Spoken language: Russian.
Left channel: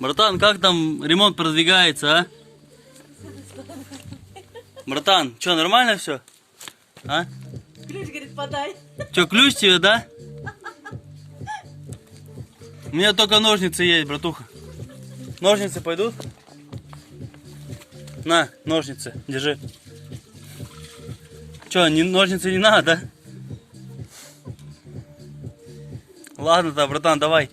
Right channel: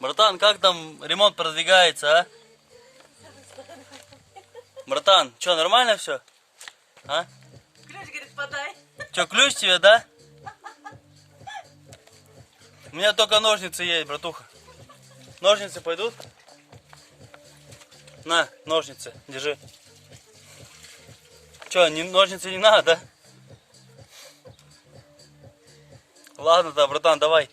Братан, как там ремонт продвигается, а? Братан, что, нормально все? А? Ключ, говорит, подай. Че, ключ тебе, да? У меня только ножницы есть, братуха. Ножницы пойдут? На, ножницы, держи. Че, ножницы не надо, да? Ладно-то, братан, давай.